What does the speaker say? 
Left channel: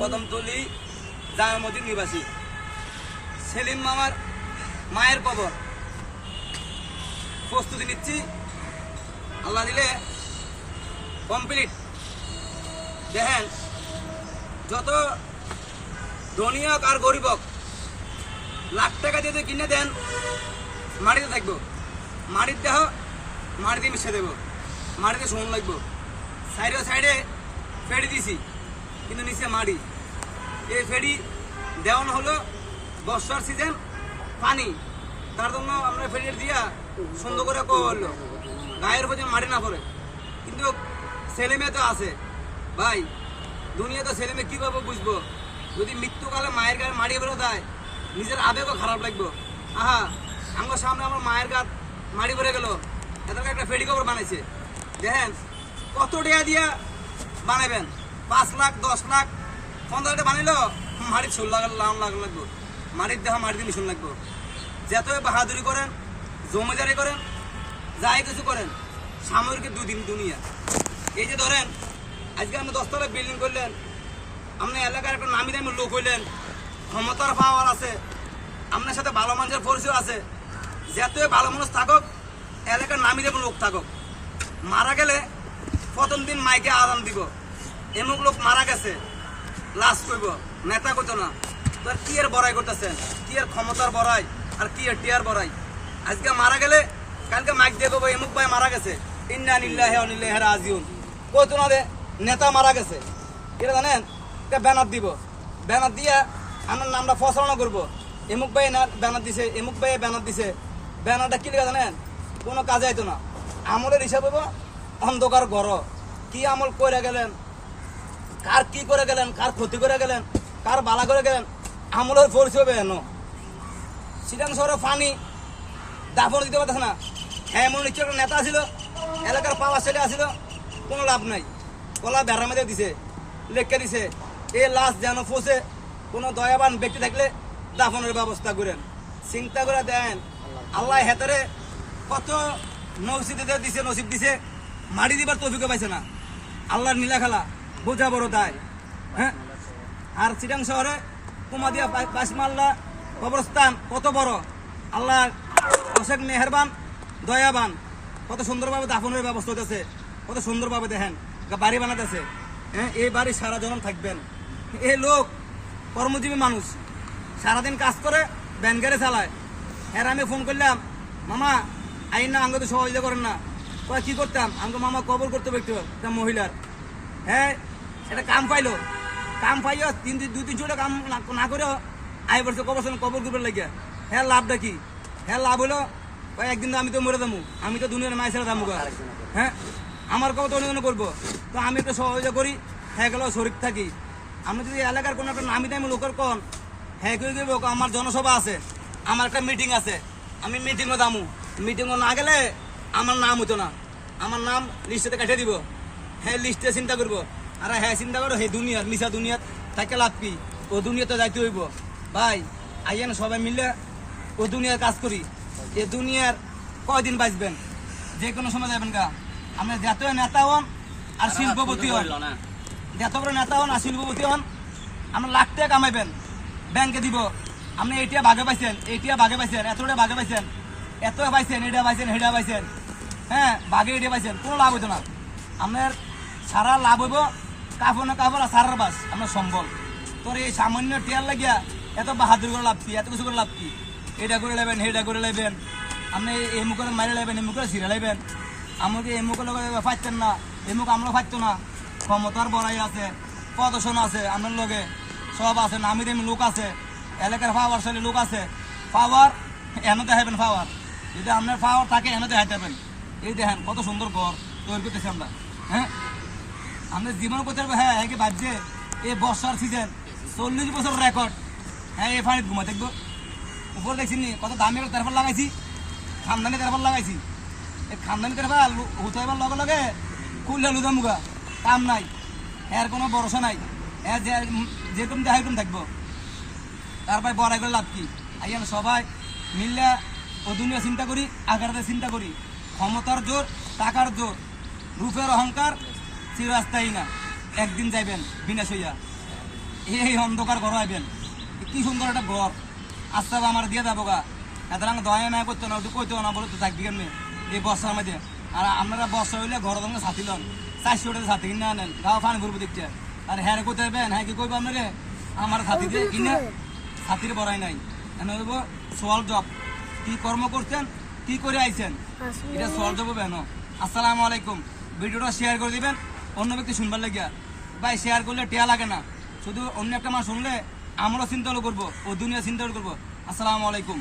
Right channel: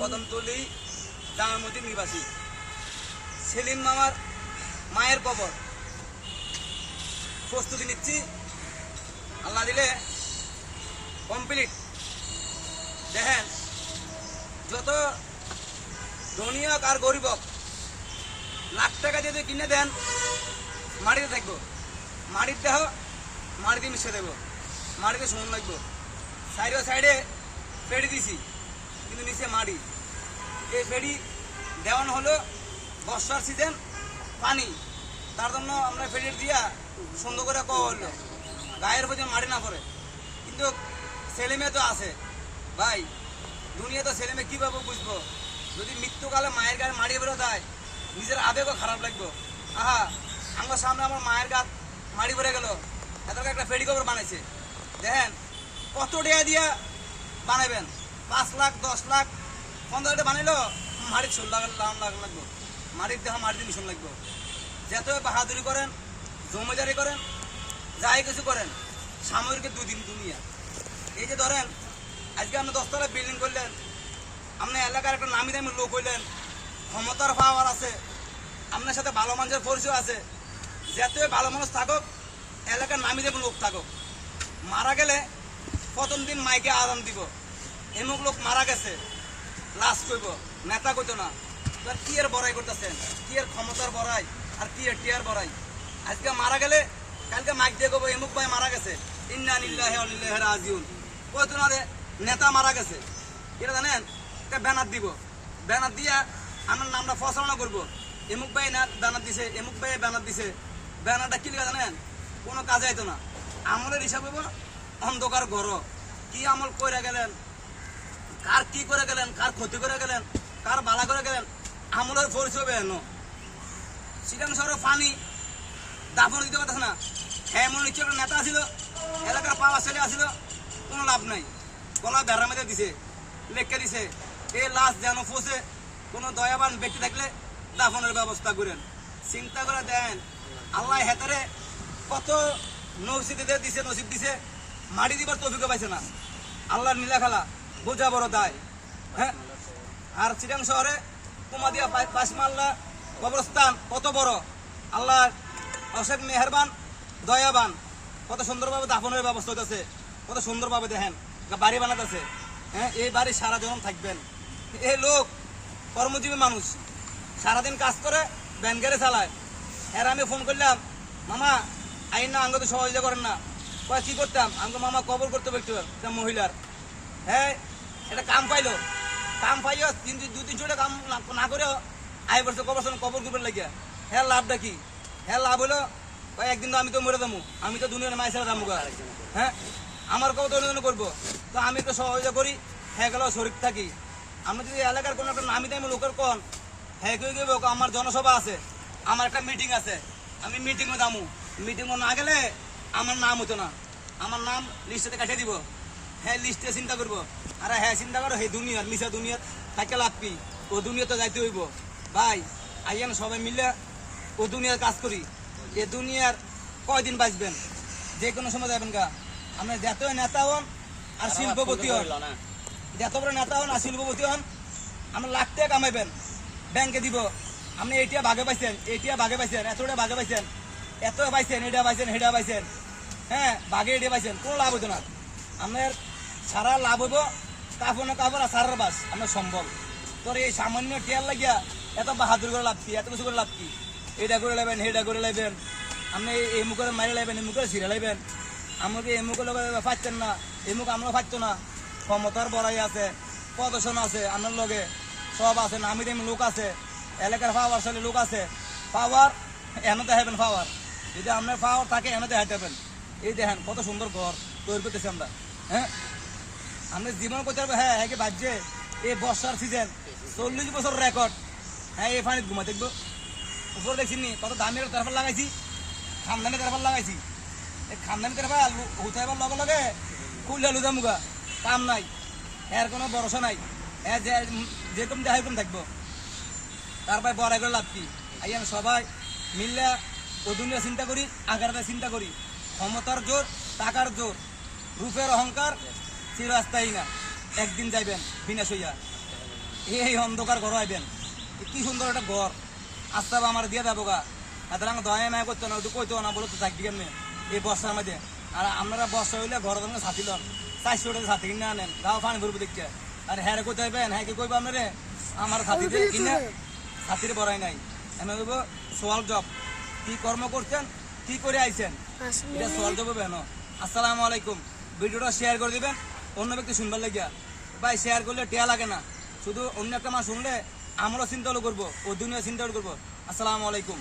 কদমতলী জামামতির নিবাসী সেলিম মামার মায়ের কবর প্রস্তুতি নিচ্ছি। আল্লাহ দিলে কমপ্লিট। দেখেন, যত ধনী হোক আর গরিব হোক, লাখ টাকা দিয়ে কিনে দেন, মাটিতে থাকবো। মাটির দেহ মাটিতে মিশে দেবো, মাটিতে শোন লাগবো। সাইডে ফেড়ি দিছি, কিন্তু নিচে মাটি। এই ফেড়ি দেওয়ানো হলো বর্ষার সিজন, পানি, তার জন্য আমরা ফেড়ি দিয়া সুন্দর করে করলো গায়ের উপর মাটি না পড়ে। কিন্তু ছেলে মেয়ে তো আছে ভাই, দুনিয়া তো ছেলে মেয়ে কীভাবে বুঝবো? যদি মৃত্যুকালে মায়ের গায়ে মাটি বেরো দেয়, নিজের আবেগও খারাপ লাগবো। আহা, আমার সামনে আমার মায়ের গাত মাটি বেড়ে গেল, এদেরকে একটা ফেডি কবর বানাইছে। দেখেন কত টাকা দিয়া বানাবেন, 5 লাখ 10 লাখ 15 টাকা বানাইলো, মাটির শোল লাগবো, মাটির দেহ মাটিতে মিশন লাগবো। যত বাহাদুরি করেন, জমিদারি করেন, যাই কিছু করেন, সামরিক দুনিয়া। এই যে ধরেন, আজকে আপনি 10 তলা বিল্ডিং করলেন, আপনার এলাকার একটা নামি দামি লোক হইলেন, ক্ষমতার পাওয়ার আছে, আপনার সাথে ভালো মানুষের পরিচয় আছে, যতই ভালো মানুষ থাকুক, এলাকার নামি দামি লোক থাকুক, মারা গেলে প্রথম দিন মাইকে আরাম দিব, এমুক লোক মারা গেছে, লাশ করব, নেতা করতো না। তো কি এর বড়াই করতেছেন? কি এর ক্ষমতার বড়াই আর কি এর টিয়ার বড়াই? আজকে মারা গেলে কালকে মাইক দিয়ে করবো এমুক ভাই মারা গেছে, ইন্না লিল্লাহি ওয়া ইন্না ইলাইহি রাজিউন। কইতো না রে নেতা মারা গেছে, এটা জানেন? এটা ব্যানার দিব, ব্যানার দিয়া আমার নামটা প্রচারণা করবো, এমুক ভাই না ব্যানার দিছে, এমুক ভাই ব্যানার দিছে। ব্যানারটা কি লেখা জানেন? কোনো কাজে আইতো না। আমলের হিসাব হইব অন্ধকার ঘর। কি আমল করে গেলেন, কার কি করে গেলেন, কার ক্ষতি করে গেলেন, কার বালা করে গেলেন, আমলের পরিচয় বেন। সিটাং শহরে পানি দাফন দিতে পারতেছে না। হ্যাঁ, এমন নিশ্চয় একটা নেতা ছিল, এলাকার পাওয়া ছেলে আসছিল, কোনো লাভ নাই। গলা বেড়া মেরে দিছে, লেখকে দিছে, এ লাশ যেন ফসে, কোনো দয়াবান ব্যক্তি থাকলে দাফনের ব্যবস্থা করেন। চিন্তা করে দেন, আল্লাহ হেতারে কত নসিবদের দিছে, নসিব দিছে, মাটি দিবার তৌফিক পাইছে না। আল্লাহর নীলা খেলা বোঝা বড় দায়। হ্যাঁ, আর চিটাং শহরে কুমাদিয়া পাশমাল্লা কবরস্থান কত বড়, আল্লাহ অশেখ মেহেরবান দয়াবান, কত সুন্দরভাবে দাফনের ব্যবস্থা হতেছে, কত সুন্দরভাবে দেখেন বাড়ি বানাতেছে। হ্যাঁ, এই বাড়ি সারা জীবন থাকবেন। এই লোক কর্মজীবী মানুষ, সারাদিন কাজ করে, ভ্যান গাড়ি চালায়। এর আমি ফোন করলাম, মামা আইন না, আঙ্গ তো সহযোগিতা করেন না। কয় কি করতাম? আঙ্গ মামা কবর করতে পারতো একটা মহিলার। হ্যাঁ, এটা কাম পাইলো, কাম পাইও 2-3 কাম না করেও আই পড়ছে কবর করবার লাগিয়া। হ্যাঁ, লাভটা কি? হ্যাঁ, লাভ হলো একদিন তো আমি তো মরে যাবো, আমি তো দুনিয়ার মায়ের ছেড়ে যাবো। হ্যাঁ, আমার কবর তো অন্য করবো, তো আমি তো সহযোগিতা করি, হ্যাঁ গেল শরীর থাকি। আমি যদি এলাকার কোনো একটা নামি দামি লোকের কন, হ্যাঁ কেউ কেউ আমার জনসভা আছে, আমার একটা মিটিং আছে, আমি মিটিংও যাবো, মিটিংও না গেলে আমার নাম হতো না, আমার নাম লিস্টে কাটিয়ে দিব। হ্যাঁ, লিস্টে চিন্তা করবো, আর হ্যাঁ চিন্তা করো, হে দুনিয়ার মিশা দুনিয়ার থাকে লাভ কি? ও দুনিয়াতে যাইতে হইব। ভাই আইয়েন সবাই মিলে ও দুনিয়ার কাজ করি। এ দুনিয়ার কয়দিন বাঁচবেন? যে কোনো সময় যাবেন গা। আপনি যত নেতা হন আর শিল্পপতি হন, যত বড় নেতা হন আর শিল্পপতি হন, আপনার লাখ টাকা কামাইবেন, ব্যাংকে দিব, আপনি এইটা ভাগে পাইছেন, এইটা ভাগে পাইছেন, এতটা ভাগে পাইছেন, এত পাইছেন, এটা পাইছেন, হেটা পাইছেন। হ্যাঁ, ভাগে এটা পাইছেন, কোনো লাভ হইতো না। আপনার সারা লাভ হইব কাপড় কাপড় আর সারার বাস আপনার সম্বল। তোর এই সামান্য টিয়ার লাগিয়া এত বাহাদুর করে লাভ কি? এত কিছু করে লাভ কি? এটা করে লাইবেন, হেটা করে লাইবেন, আপনি এই মুখে মারে লাইবেন, এই মুখে ছিঁড়ে লাইবেন। আমাকে এই মুখের লোক ফাইতেন না, এই মুখ আমরা ফাইতো না। ক্ষমতার বড়াই আছে, প্রদর্শন আছে, আপনার লগে সব আছে, নামি দামি লোক আছে, এলাকার পাওয়ার সালে লোক আছে। পাওয়ার এনে দেখাবেন, পাওয়ার যদি আপনার পাওয়ার থাকে এনে দেখাইতে হবেন। এই দেখেন কত সুন্দর ঘর তৈরি করতেছি আমরা। হ্যাঁ, আপনার জীবন করতে পারবো। হ্যাঁ, কি বাজছে এই বর্ষার সিজন, 40 বছর রেকর্ড। হ্যাঁ, এই পানিতে ঘুমা দেখবো। উপরে দেখছিনি কত দামি তেরফল লাগাইছি, খানদানি তেরফল লাগাইছি। এই খানদানি তেরফল হুতাইবার লগে লগে খুললে লুদা মুগা, কাম নাই, এর কোনো ভরসা নাই। যেরকম দেখা এরকম থাকবো। তারপরে বড়াই করে লাভ কি? আইয়ান সবাই মিললে ও দুনিয়া চিন্তা করি, আগারটা চিন্তা করি। ক্ষমতার জোর, টাকার জোর, রূপের অহংকার চিরস্থায়ী না, একদিন যাইবেন বিনাশ হইয়া। এই অন্ধকার ঘর আইবেন কি সুন্দর একটা ঘর আস্তে আমার দিয়ে যাবো গা এত দয়া মায়া করতো না ওটা কইতো না বলে তো থাকবি কেমনি এই বর্ষার মধ্যে আর আপনারা বর্ষা হইলে ঘরের সঙ্গে ছাতি লন 400 টাকা ছাতি কিনে আনেন গাও পানি ভরবো দেখছে আর হ্যাঁ কইতে হইবেন হ্যাঁ কি কইবো আপনারে আমার ছাতি দিয়ে কিনে ছাতির বড়াই নাই আমি বলবো সোয়াল জব কি কর্ম করছেন কি করে আইছেন এটা সোয়াল জব হবে না। আসসালামু আলাইকুম। ভিডিওটা শেয়ার করে দিবেন অন্য ব্যক্তি শুনবার লাগিয়া ভাই শেয়ার করলে টেয়া লাগে না শুধু অন্য একটা মানুষ শুনলে আমরাও চিন্তা করবো ও দুনিয়া চিন্তা করবো। আসসালামু আলাইকুম।